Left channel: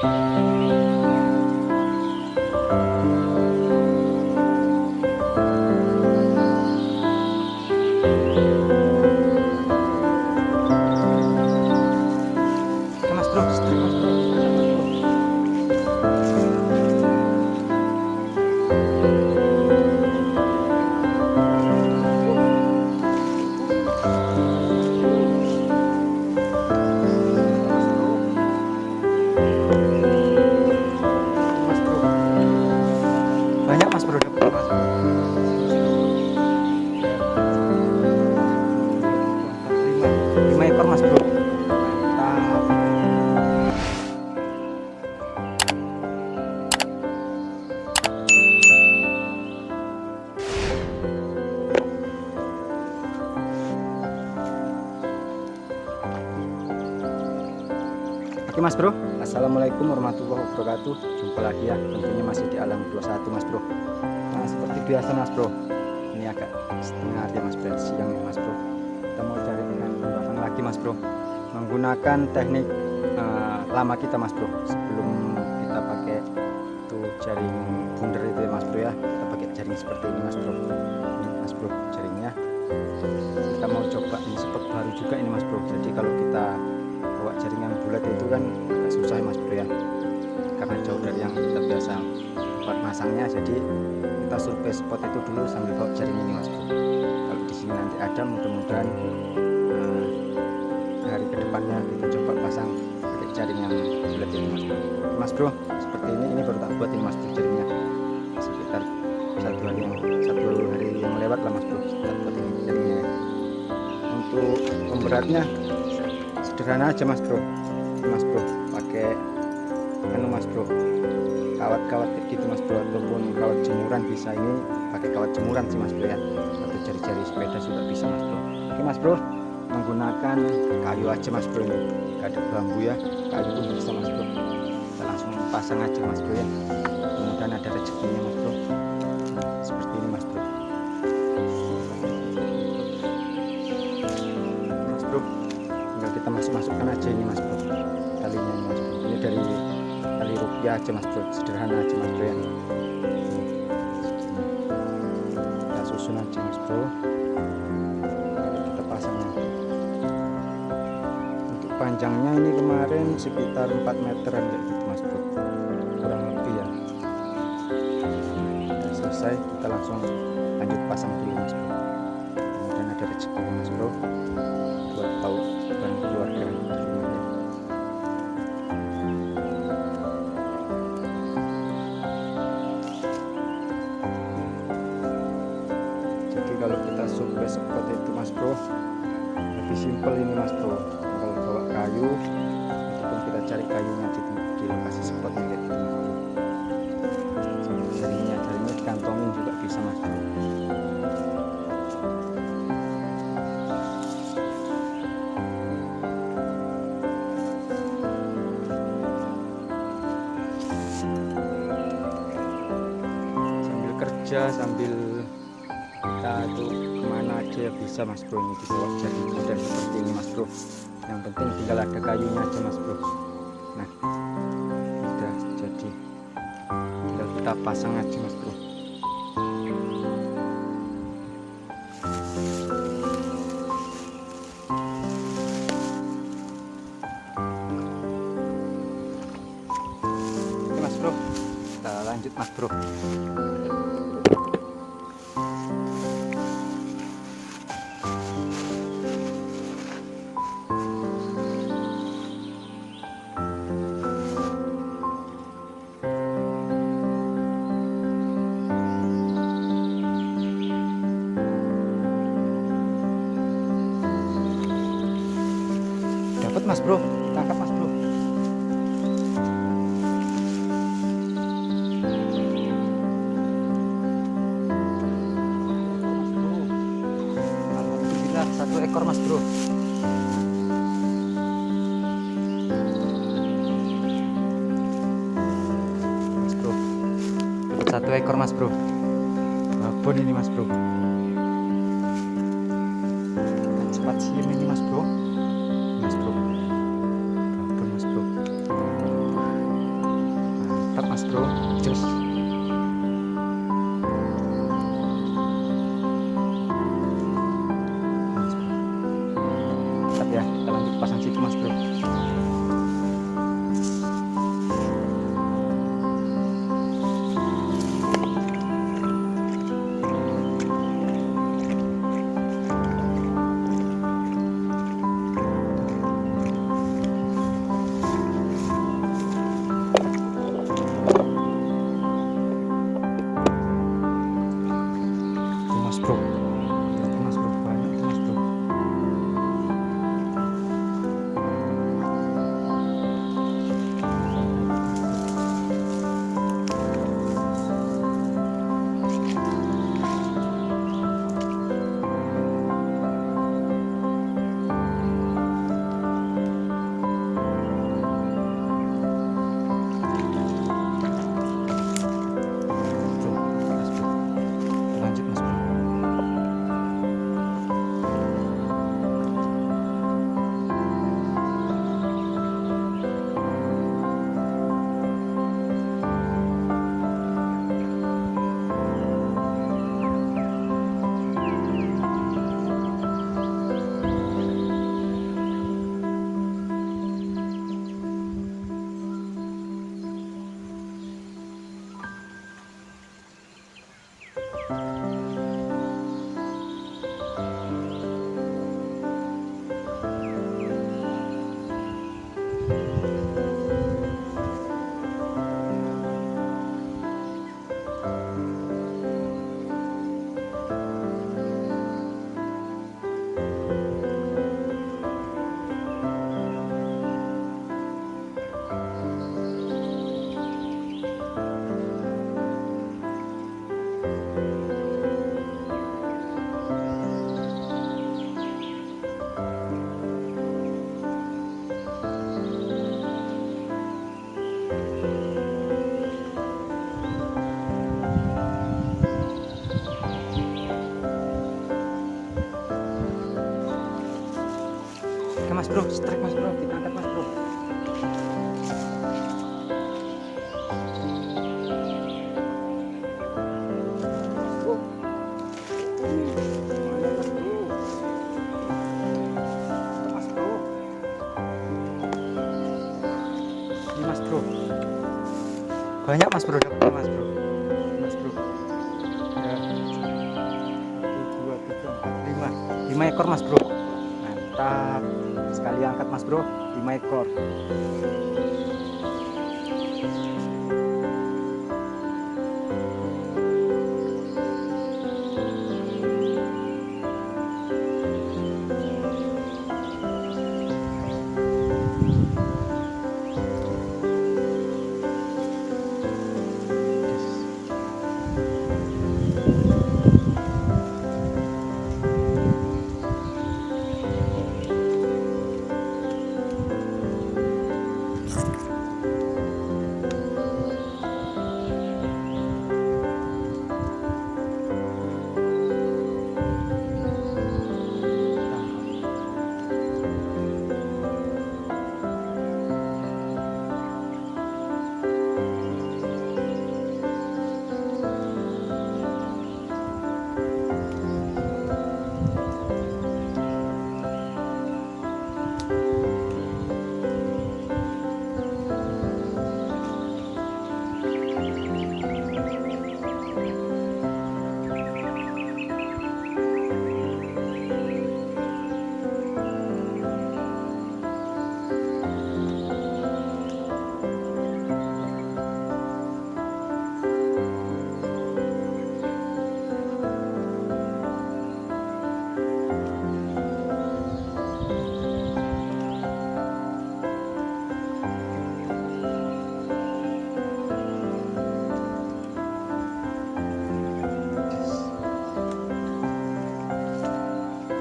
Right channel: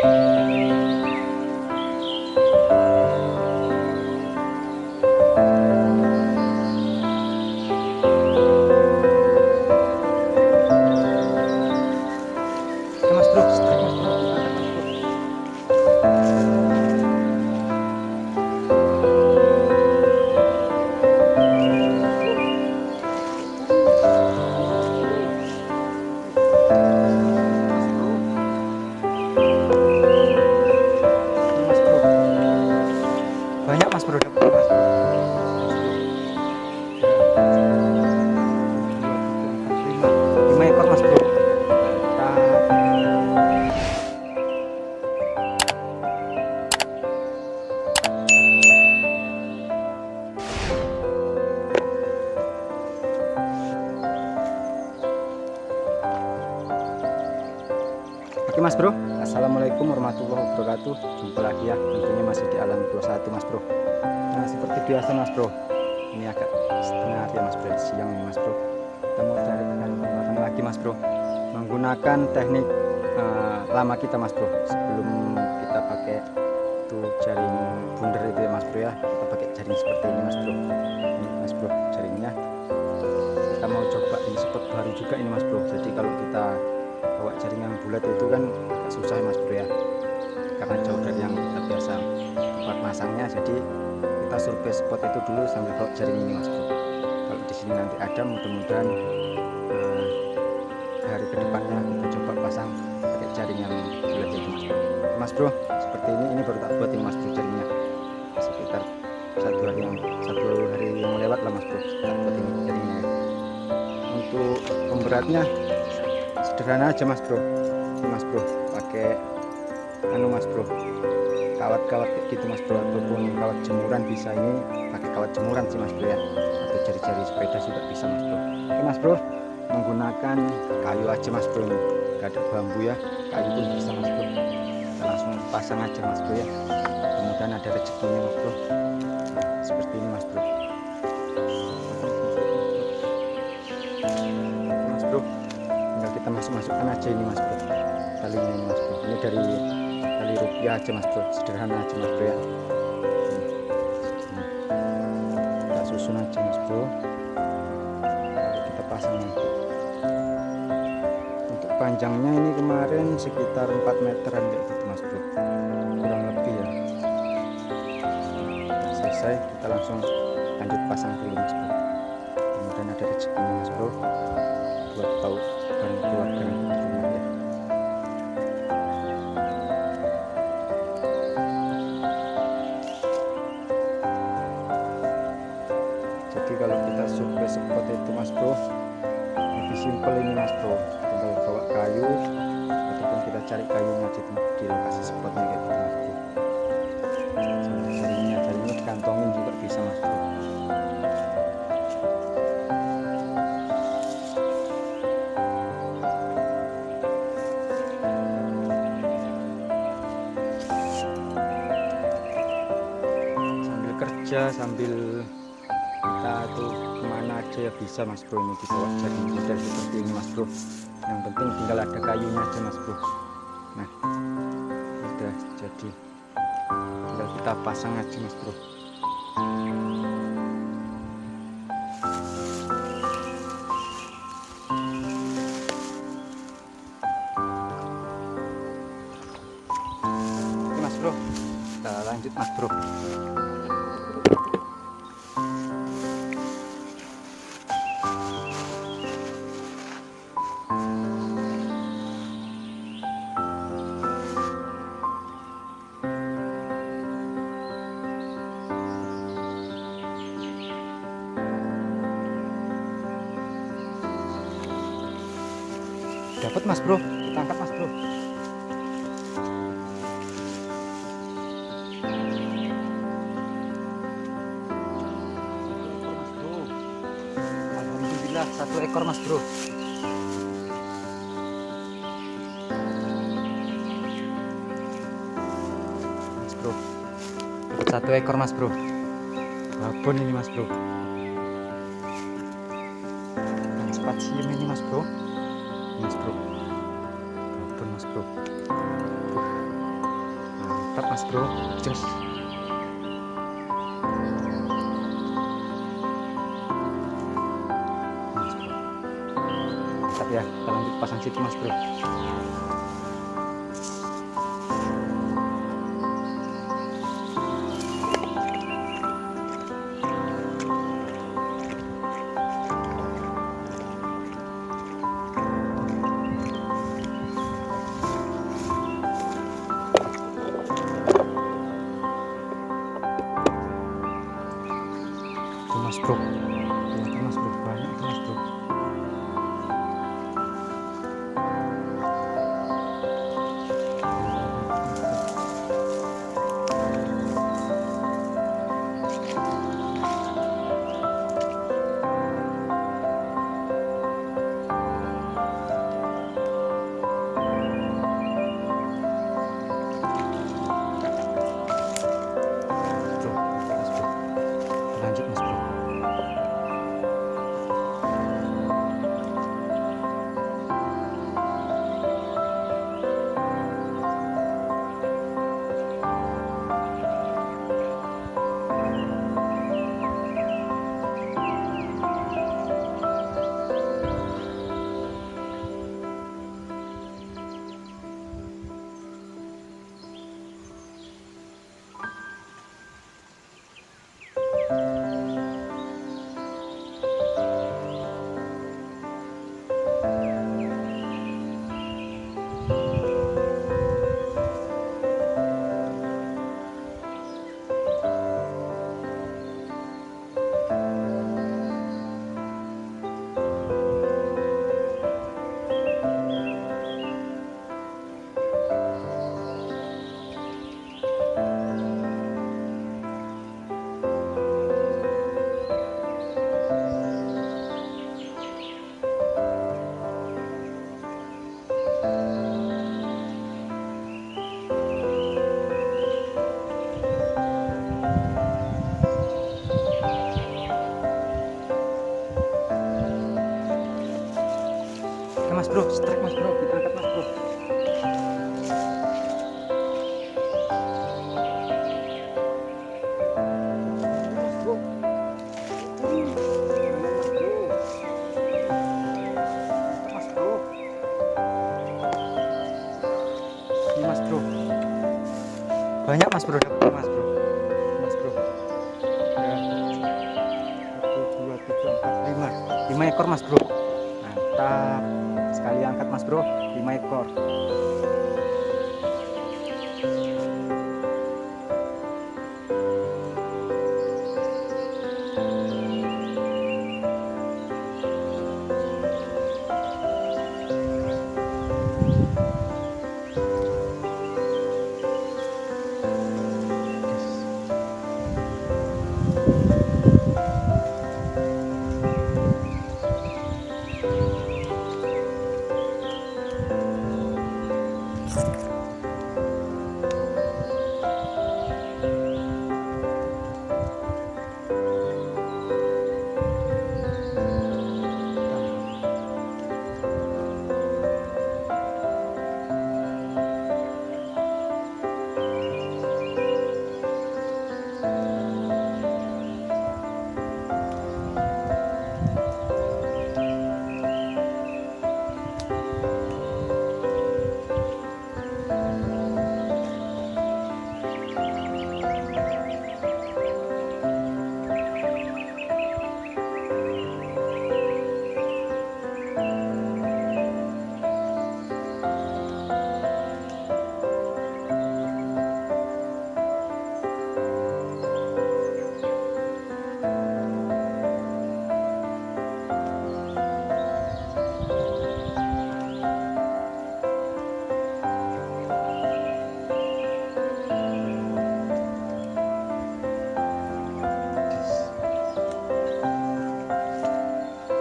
Oke mas bro, strike mas bro, angkat mas bro. Mas bro, ini mas bro, banyak mas bro, dapat mas bro. Mas bro, ya, 5 ekor mas bro. Mantap. Oke mas bro, assalamualaikum warahmatullahi wabarakatuh. Jumpa lagi ya, tentunya masih di Alam 21 mas bro. Nah seperti biasa mas bro, ini agak setengah hari ya mas bro, siang nih mas bro. Kita mau cari ikan batang lagi mas bro, menggunakan teknik lama kita mas bro. Sebelum kita pakai tuh jaring bundar itu ya mas bro ya, kita pakai jaring seperti ini mas bro. Ini mas bro jaringnya. Kita mau coba ini spot baru juga ini mas bro. Jadi kalau kita bawa jaring yang bulat itu kan agak susah mas bro ya, karena jauh dari yang kita biasa tempat masangnya. Jadi kita survei spot itu dulu sambil bawa jaring ini mas bro. Kalau di sini nanti ada, mudah-mudahan hari kedepannya kita coba pasang pakai jaring yang bulat itu mas bro. Mas bro, seperti ini baru tak buat ini mas bro jaringnya, sekitar satu hari yang lewat lah mas bro, tak buat ini jaringnya. Untuk pemberatnya sederhana aja mas bro, ini mas bro pakai mas bro, kawat-kawat kayak gitu mas bro, ataupun kawat jemuran bisa. Ini pakai kawat jemuran sih mas bro ya, atau jari-jari sepeda juga bisa mas bro. Oke mas bro, menggunakan kayu aja mas bro, ini gak ada bambu ya, kayu pun bisa mas bro. Kita langsung pasang aja mas bro ya, kemudian ada rezekinya mas bro. Nah, seperti ini mas bro. Mas bro, tinggal kita masukkan aja ini mas bro, talinya ini mas bro. Ini dari tali rupiah aja mas bro, sederhana aja mas bro ya. Kita susun aja mas bro, lalu kita pasang nanti. Untuk panjangnya ini kemarin sekitar 4 meteran kayak gitu mas bro, kurang lebih ya. Nah, selesai, kita langsung lanjut pasang dulu mas bro. Kemudian ada rezekinya mas bro, buat tahu bareng keluarga di rumah ya. Jadi kalau kita survei spot itu mas bro, lebih simpel ini mas bro, tinggal bawa kayu ataupun kita cari kayunya di lokasi spotnya kayak gitu mas bro. Jaringnya dikantongin juga bisa mas bro. Kerja sambil kita tuh kemana aja ya bisa mas bro, ini dibawa jaring model seperti ini mas bro. Yang penting tinggal ada kayunya aja mas bro. Nah udah jadi, tinggal kita pasang aja mas bro. Oke mas bro, kita lanjut mas bro. Dapat mas bro, kita angkat mas bro. Alhamdulillah 1 ekor mas bro. Mas bro, dapat 1 ekor mas bro. Babon ini mas bro, ikan sepat siem ini mas bro. Mas bro, babon mas bro. Mantap mas bro, jos. Mas bro, mantap ya. Kita lanjut pasang situ mas bro. Mas bro, lihat mas bro, banyak tuh mas bro. Bro, mas bro, lanjut mas bro. Oke mas bro, strike mas bro, kita angkat mas bro. Ini mas bro, banyak mas bro, dapatnya mas bro. Mas bro ya, 1, 2, 3, 4, 5 ekor mas bro. Mantap sekali angkat mas bro, 5 ekor.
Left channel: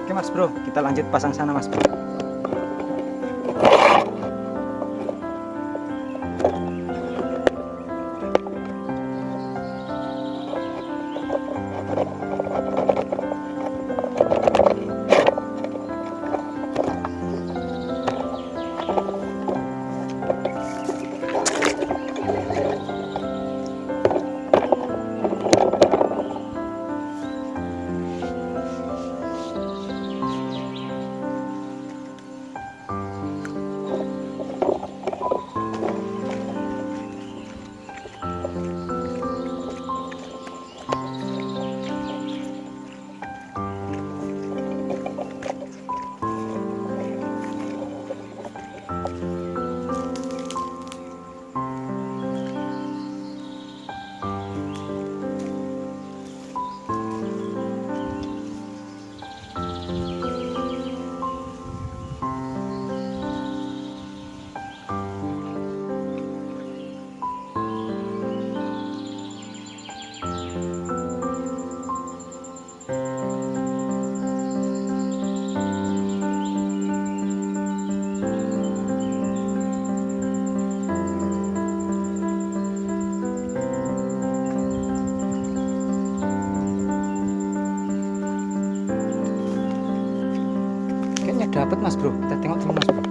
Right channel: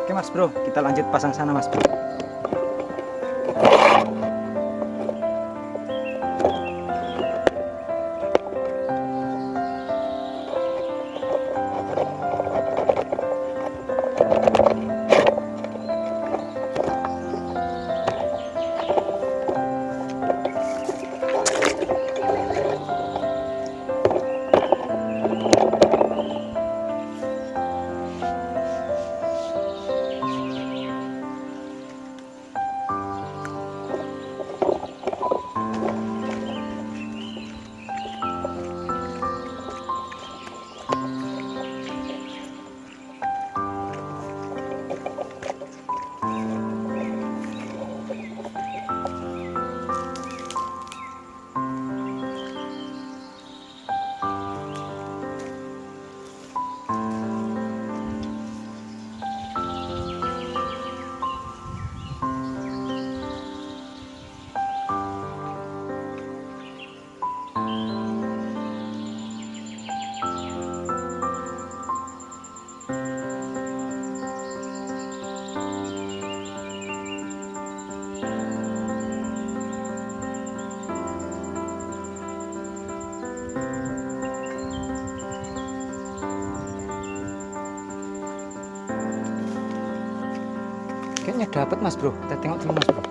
Oke mas bro, kita lanjut pasang sana mas bro. dapat mas bro, kita tengok dulu mas bro.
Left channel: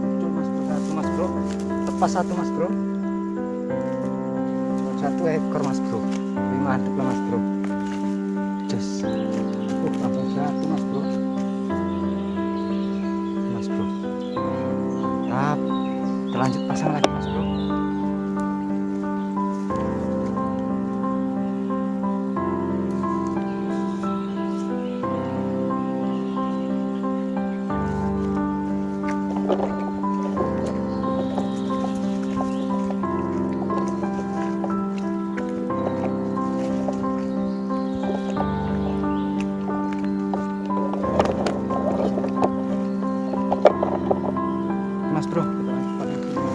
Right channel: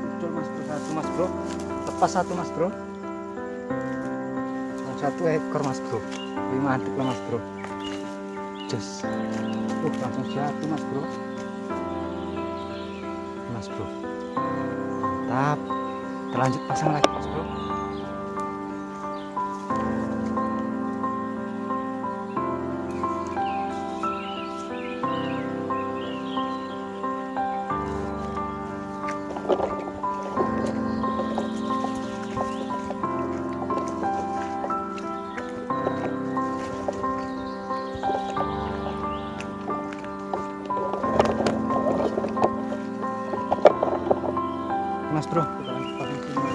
Muncul mas bro, satu mas bro, lepas satu mas bro, satu ekor mas bro. Wih, mantep lah mas bro, jos. Langsung satu mas bro, mas bro, mantap. Terlanjut pasang lagi mas bro. Mas bro, kita lanjut pasang sini.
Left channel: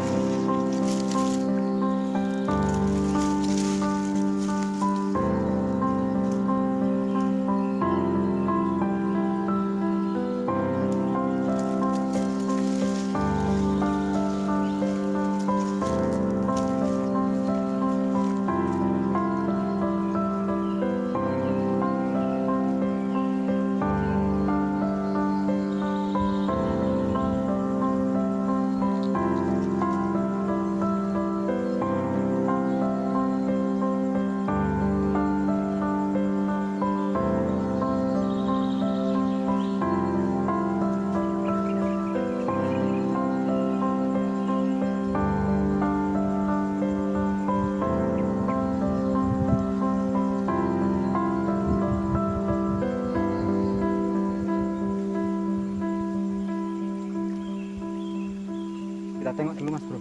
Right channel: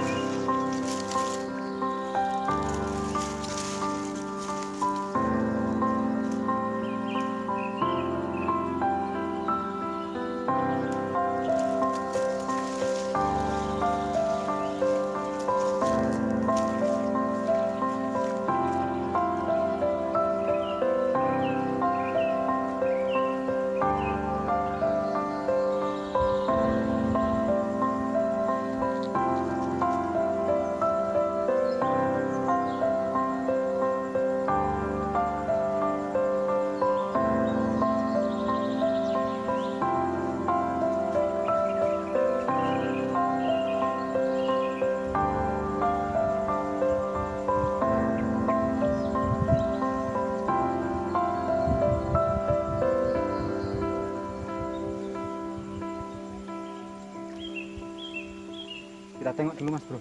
Kita tengok dulu mas bro.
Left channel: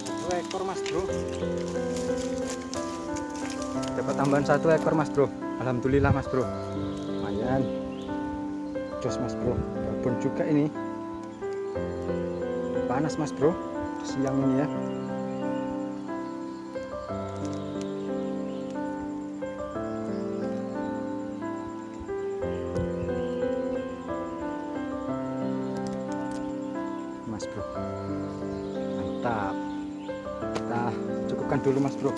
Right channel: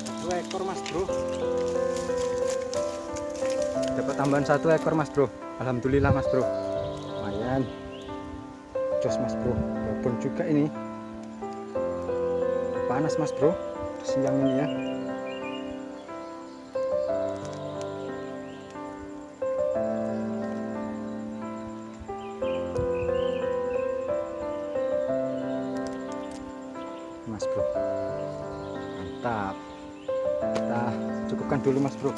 Satu ekor mas bro. Dapat tambahan satu ekor mas bro. Alhamdulillah mas bro. Lumayan. Jos mas bro. Babon juga ini. Panas mas bro. Siang ini ya. Mas bro, mantap. Kita cukupkan dulu mas bro.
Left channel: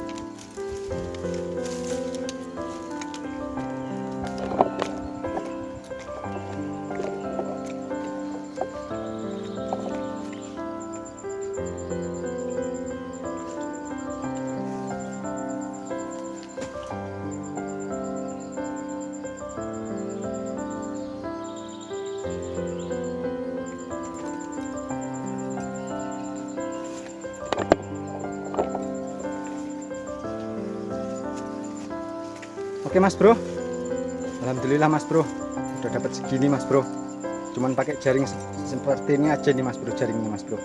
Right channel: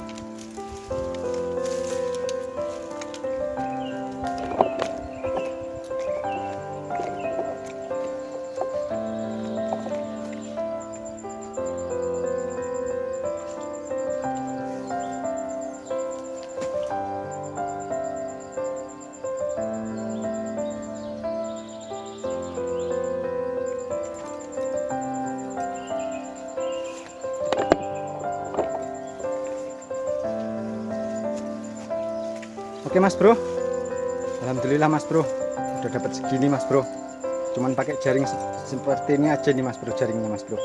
Oke mas bro, alhamdulillah mas bro, udah dapat segini mas bro. Cuman pakai jaring seperti ini aja nih mas bro, jaringnya mas bro.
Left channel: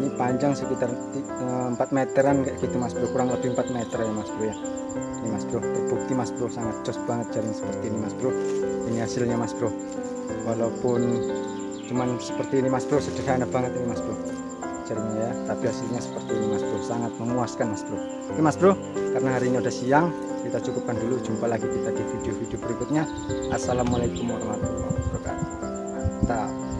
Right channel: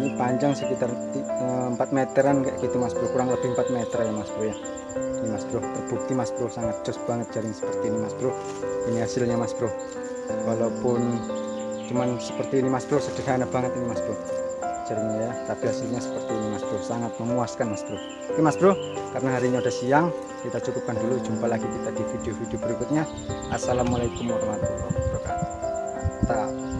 Ini panjang sekitar 4 meteran kayak gitu mas bro, kurang lebih 4 meter ya mas bro ya. Ini mas bro, terbukti mas bro, sangat jos banget jaring seperti ini mas bro. Ini hasilnya mas bro, walaupun cuman seperti ini mas bro, sederhana banget ini mas bro jaringnya ya, tapi hasilnya seperti ini mas bro, sangat memuaskan mas bro. Oke mas bro, karena hari ini udah siang, kita cukupkan dulu. Jumpa lagi kita di video-video berikutnya. Assalamualaikum warahmatullahi wabarakatuh. Mantap.